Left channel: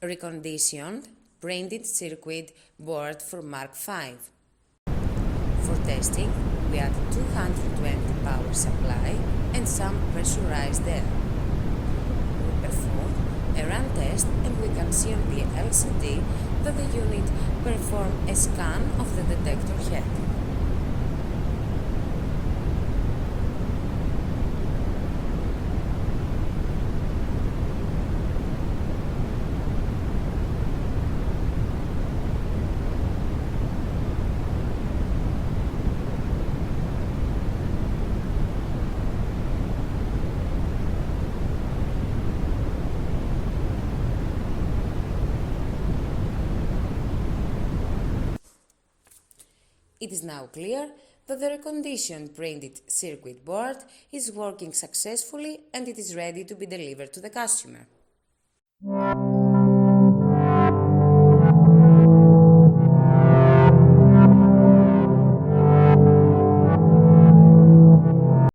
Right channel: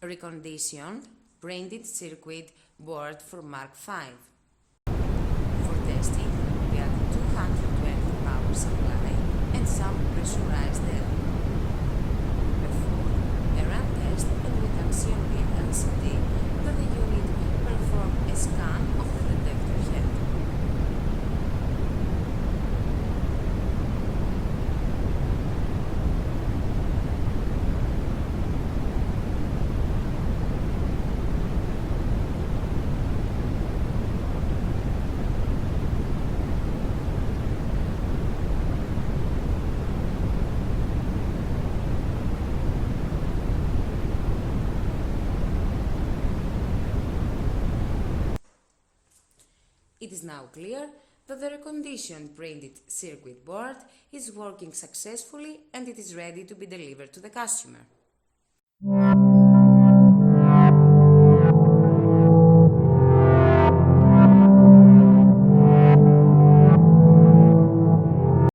Reconditioned printed circuit board for Mark5. For testing, we add 220 power supply and some pressurized air. We perform a run test and we can see on the LCD that the unit performs a scan of the detector head. It is now clear that the reconditioned printed circuit board is working successfully and it is ready to be delivered to the customer.